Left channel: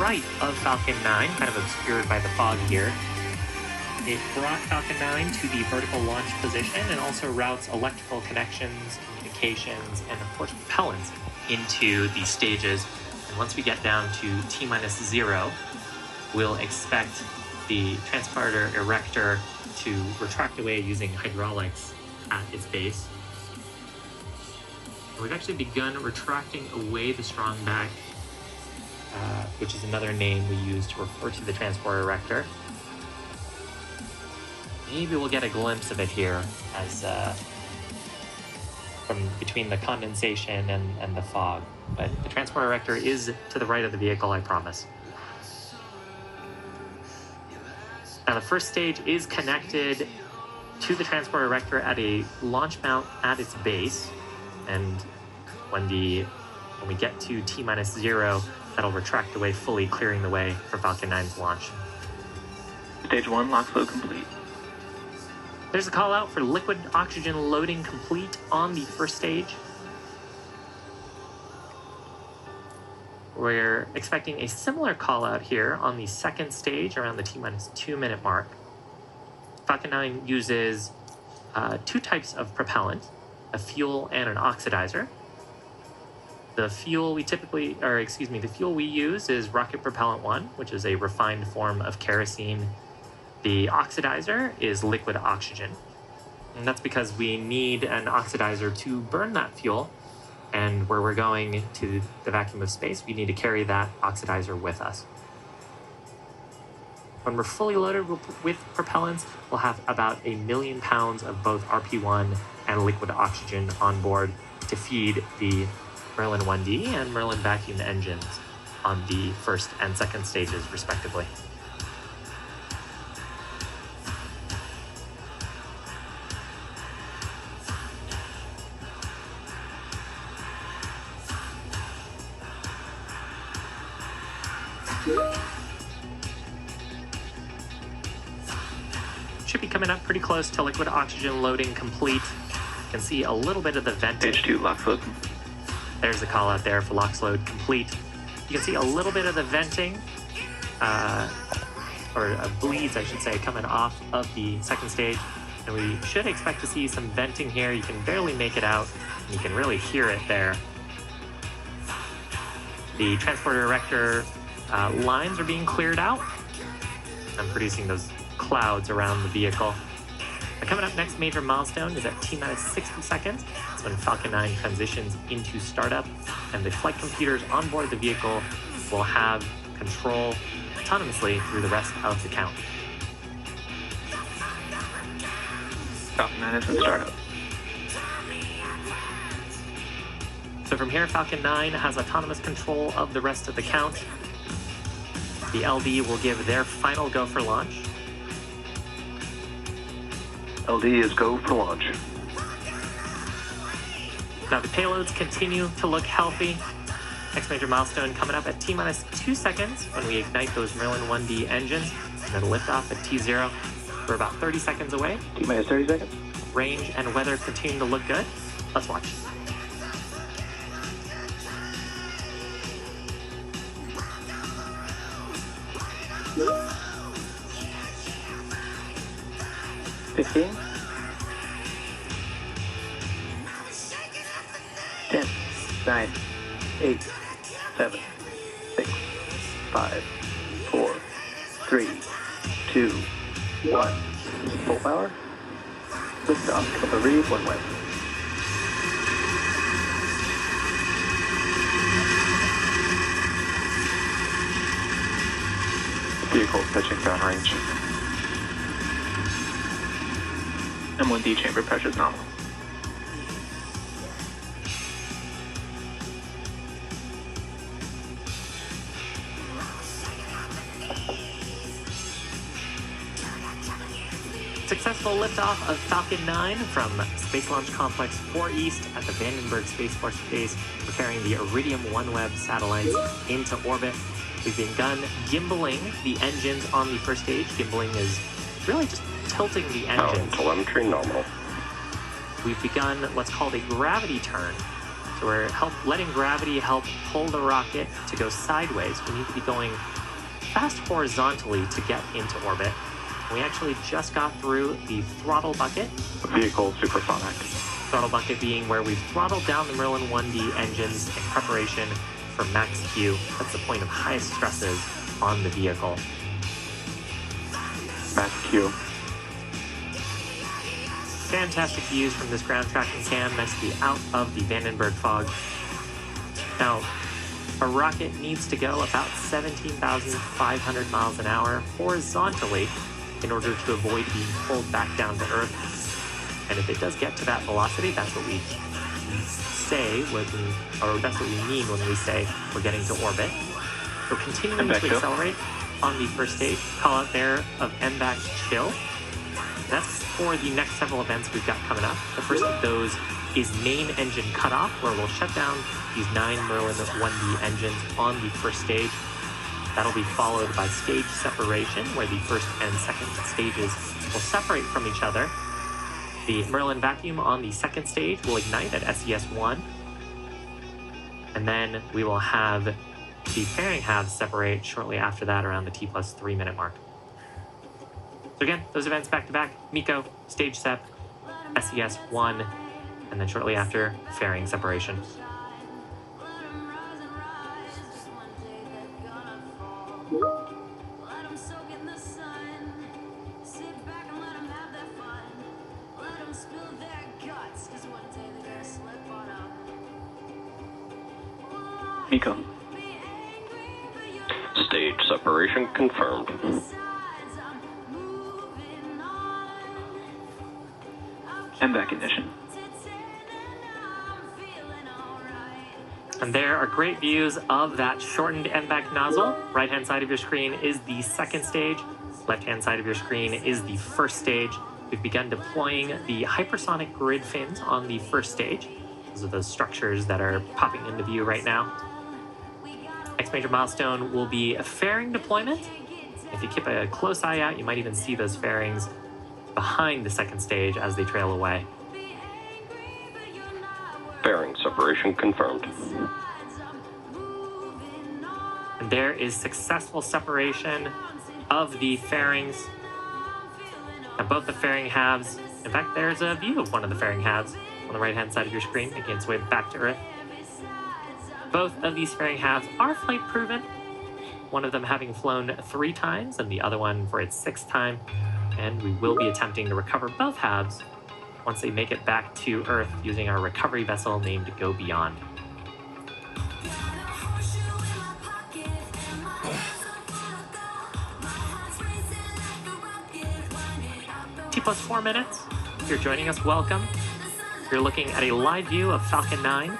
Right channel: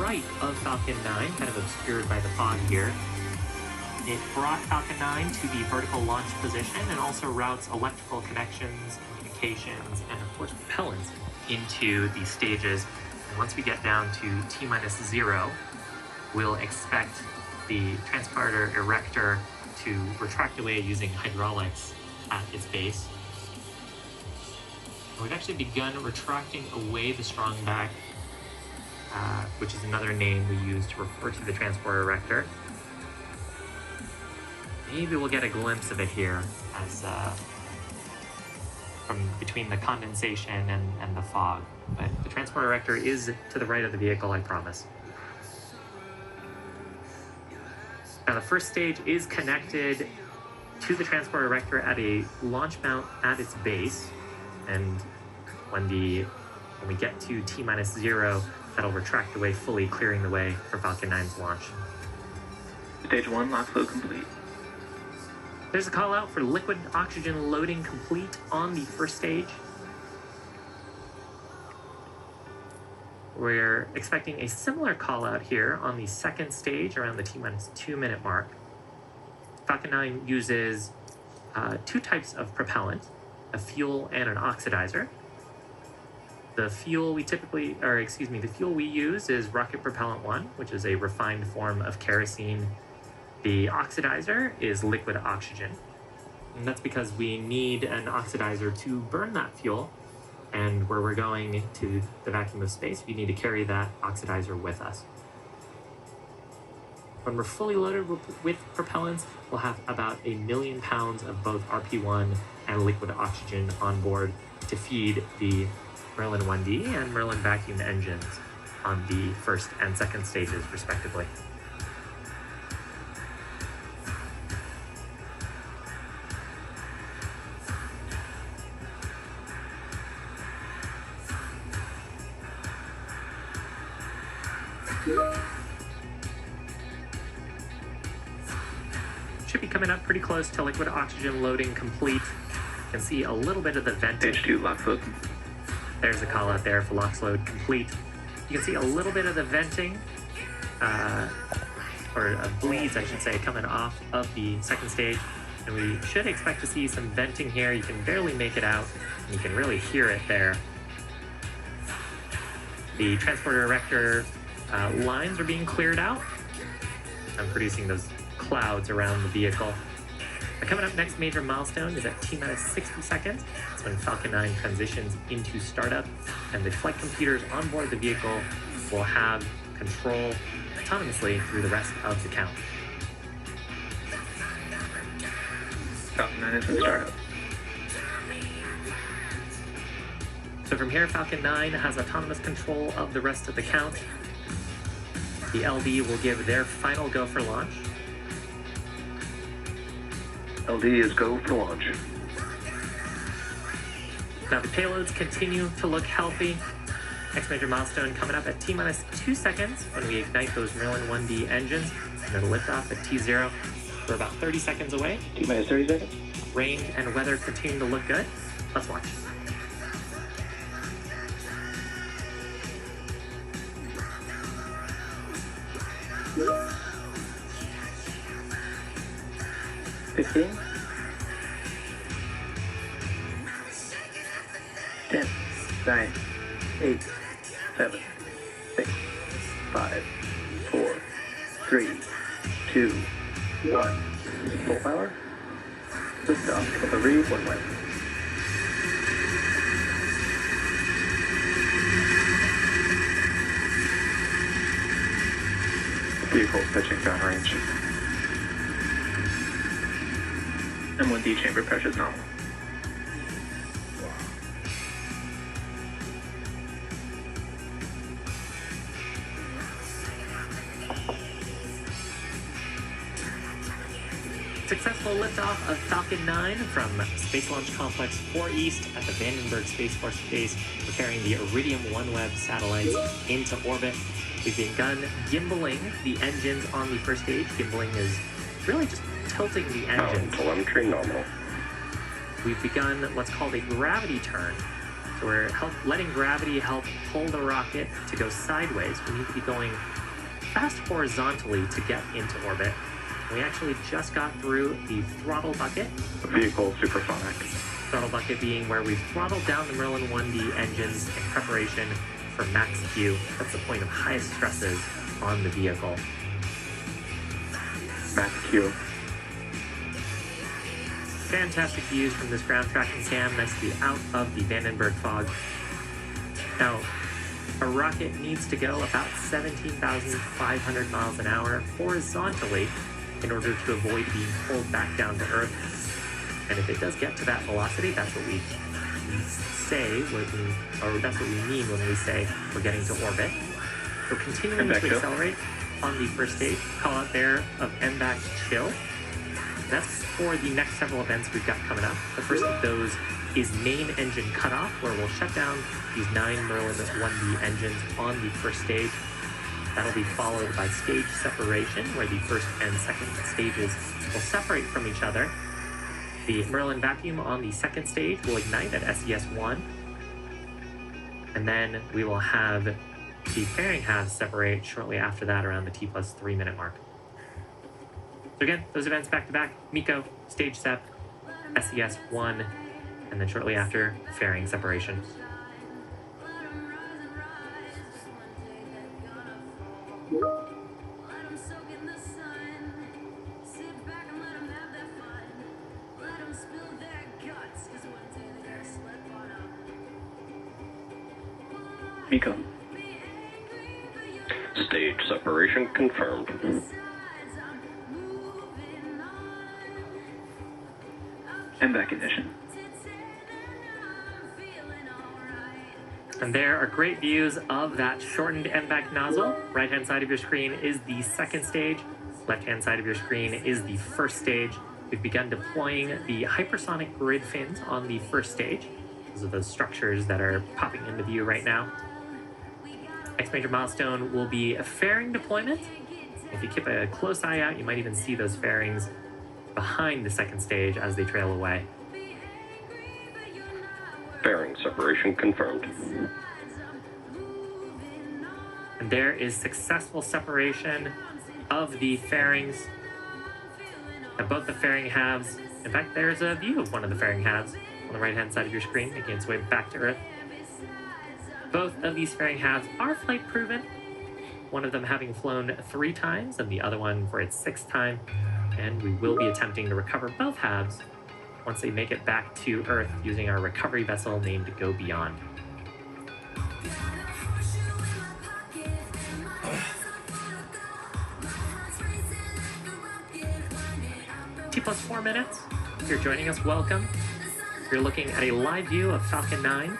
right of Falcon 9, kind of obscured by the fog here. It brought Falcon 9 to the vertical launch position and also routes electrical connections, communications, and of course propellants into the stages. And once we get down to T-0, we'll expect the transporter erector to retract away using hydraulics at its base. And we've actually begun retracting away the strong back, which is another name we use to refer to the transporter erector. Maybe we'll get a glimpse of it here as from between the condensation and the fog. But the transporter erector is to the right of the vehicle, I promise. Now the first stage is connected to the transporter erector at a launch mount at its base, and when we get to T-0, that'll retract away fully, clearing the way for Falcon 9's launch. Stage 1 lock flow complete. There's a call out for liquid oxygen loading complete on the first stage. We're expecting a similar call out here on the second stage around the T-2 minute mark. Falcon 9 uses two types of propellant, a fuel and an oxidizer. The fuel we use is rocket propellant 1, which is a refined form of kerosene. The oxidizer is liquid oxygen, and that's because we need an oxidizer to burn that fuel, and where we're going to the vacuum of space, we need to carry that oxidizer with us. When we're fully loaded with propellants, we'll have about 1 million pounds of both RP1 and liquid oxygen on board to feed the Merlin 1D and Merlin vacuum engines on the first and second stages, respectively. Should be coming up pretty close to liquid oxygen loading complete. You can see a little bit of the venting. Stage 2 lock flow. There's the call out there for LOX load complete. You can see a little bit of the venting, or bleeds, I should say, coming off of the second stage. And we should expect to see some venting here. You can barely make it out, and you can really hear it there. The transporter erector lines are being cleared out. I'm producing those clouds around the vehicle. Coming up, next major milestone is at T-60 seconds. It's when Falcon 9 transitions into startup, and the flight computers on board the vehicle will have control autonomously through the rest of the count. Falcon 9 is in startup. So from here, Falcon 9 has autonomous control of the rest of the count. The LD will give their final go for launch. LD is go for launch. Now the payloads continue to look healthy. Next major milestone coming up at T-2 seconds when we ignite those Merlin 1D engines, and then lift off at T-0. We're about 30 seconds away. T-30 seconds. Range and weather continue to look good. Let's watch. Yeah. 15, 10, 9, 8, 7, 6, 5, 4, 3, 2, 1. Full power. Lift off of the read one way. Vehicle pitching downrange. M1D chamber pressure is nominal. Successful liftoff of Falcon 9 from Space Launch Complex 4 East at the Vandenberg Space Force Base. We're carrying the Iridium OneWeb satellites into orbit. We've begun gimbaling the engines on the first stage. Gimbaling is really just tilting the engines. Telemetry nominal. We've begun what's called a gravity turn So we're letting gravity help pull the rocket to go sideways. We need to be going fast horizontally to get into orbit. We actually just got through the throttle bucket. Vehicle supersonic. Throttle bucket being where we've throttled down the Merlin 1D engines in preparation for max Q. That's the point of highest stresses on the vehicle. Max Q. Fantastic views from this ground tracking cam, nice to be out of the Vandenberg fog. Now, a rocket needs to go about 17,500 miles an hour horizontally in order to avoid being pulled back down to Earth. And if it does get to that velocity, that's what we say, or that's what we mean when we say we're getting to orbit. We're continuing to accelerate on the first stage. Call out there of MVAC chill. That's for the next several events we've got coming up. The first of those is main engine cutoff, where we'll shut down these 9 Merlin 1D engines on the first stage. That'll be followed by stage separation, where the first and second stages will separate from each other. The Merlin vacuum on the second stage will ignite at SES-1. And then we will have the fairing halves separate shortly after that around the T+3 minute mark. So again, those events back to back: MECO, stage sep, SES-1, and then shortly after, fairing separation. MECO. Stage separation confirmed. MVAC ignition. And there are great views of that shortened MVAC nozzle. Right-hand side of your screen is the second stage. Left-hand side of your screen is the first stage. We've begun deploying the hypersonic grid fins on the first stage. Those are those structures that are popping into view right now. Next major milestone will be a fairing deployment. If you keep a close eye out, you might even see those fairings behind the second stage as they trail away. Fairing separation confirmed. And there is successful separation of the fairings. And both the fairing halves, in fact, there's a view of one of the fairing halves on the right-hand side of your screen, making its way back to Earth. Both of these fairing halves are flight proven, one of them having flown 3 times and the other one for its 6th time. And we will be attempting to recover both halves once they make it back to Earth using our recovery vessel named Go Beyond. T+4 minutes. If you're joining us, welcome. You're looking at a live view of Falcon 9.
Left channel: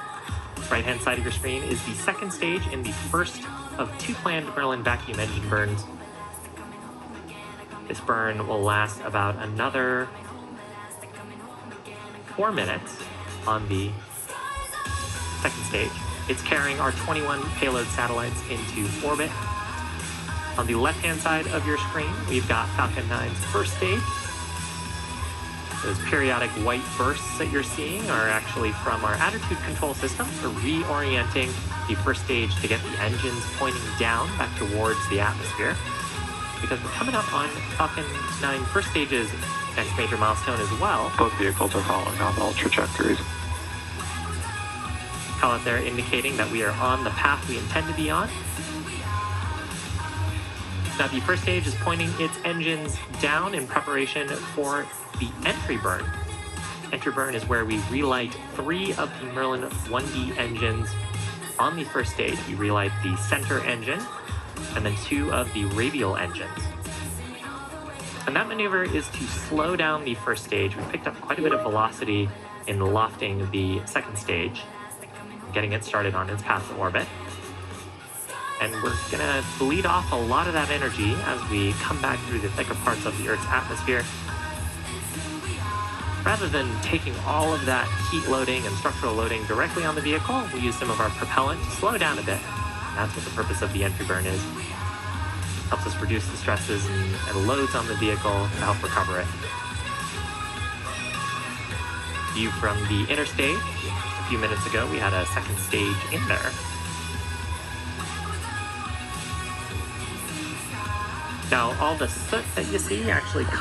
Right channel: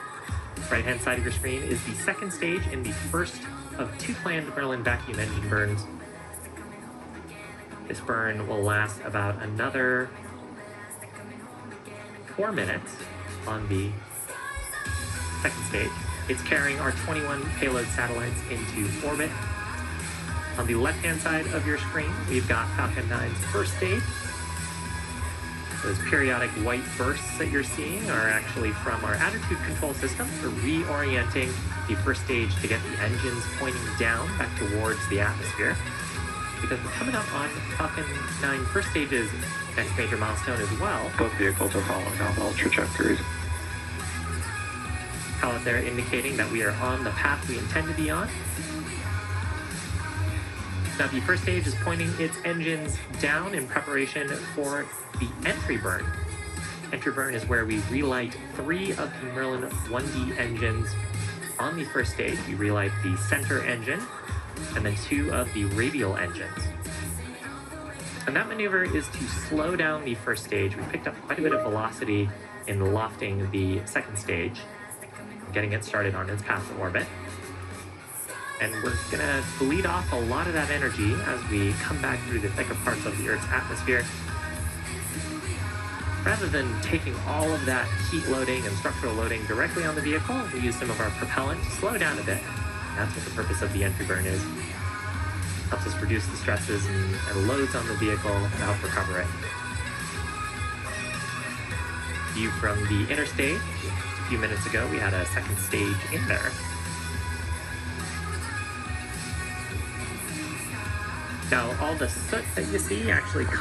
Right-hand side of your screen is the second stage in the first of 2 planned Merlin vacuum engine burns. This burn will last about another 4 minutes on the second stage. It's carrying our 21 payload satellites into orbit. On the left-hand side of your screen, we've got Falcon 9's first stage. Those periodic white bursts that you're seeing are actually from our attitude control system for reorienting the first stage to get the engines pointing down back towards the atmosphere. Because we're coming up on Falcon 9 first stage's next major milestone as well. Both vehicles are following nominal trajectories. Call it there indicating that we are on the path we intend to be on. Now the first stage is pointing its engines down in preparation for the entry burn. Entry burn is where we relight 3 of the Merlin 1D engines on the first stage. We relight the center engine and then 2 of the radial engines. And that maneuver is to slow down the first stage. We picked up quite a bit of velocity in lofting the second stage, getting it started on its path to orbit. And we're gonna bleed off a lot of that energy as we come back through the thicker parts of the Earth's atmosphere. Rather than taking all of that heat loading and structural loading directly on the vehicle, we use some of our propellant to slow down a bit. That's what the purpose of the entry burn is. Helps us reduce the stresses and loads on the vehicle to help recover it. View from the inner stage. few minutes ago, we had a second stage in there. Now, all the soot that you see actually comes